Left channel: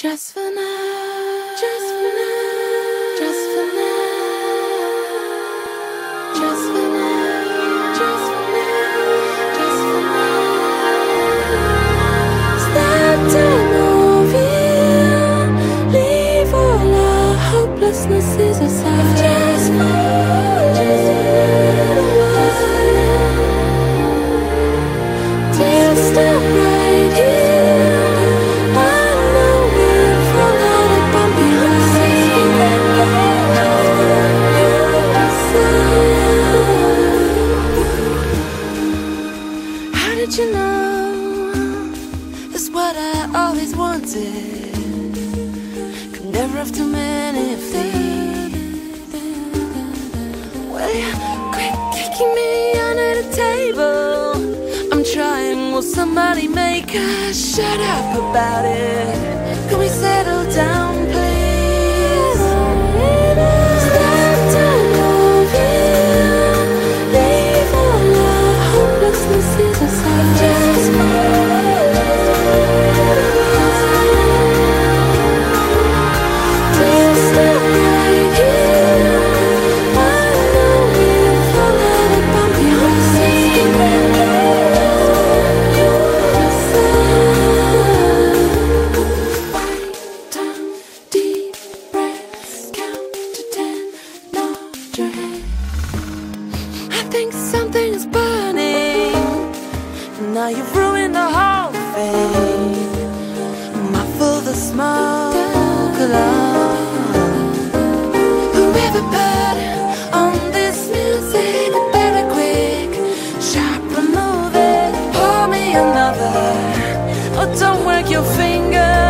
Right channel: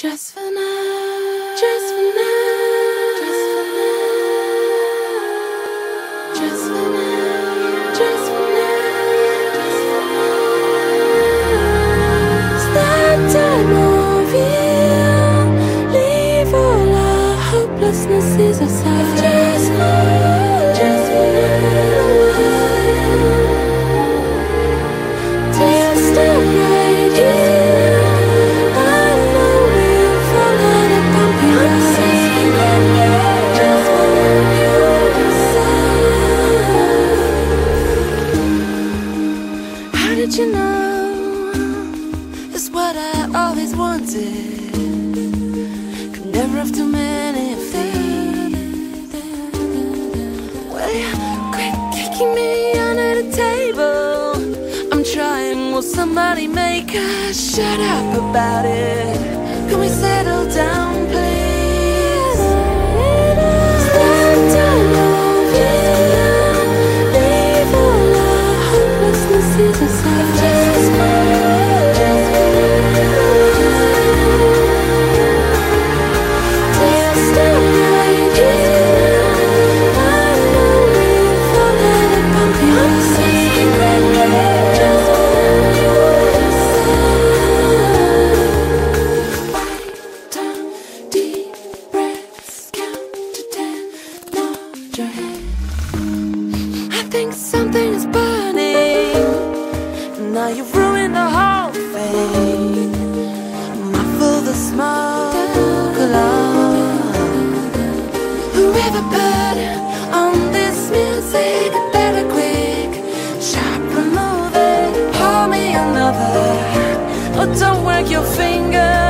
Just for now, just for now, just for now, just for now, just for now, just for now. It's that time of year. Leave all our hopelessnesses aside. Just for now, till stop right here. How did you know? It's what I always wanted. Could never have too many of these. Well, you quit kicking me under the table. I'm trying, will somebody make us shut up about it? Can we settle down, please? It's that time of year. Leave all our hopelessnesses aside. Just we'll stop right here. I know we'll fall out of bumpy roads. I think something is burning. Now you've ruined the whole thing. Muffle the smoke alarm. Whoever put on this music, better quick, sharp, remove it. Pour me another. Oh, don't work your fingers.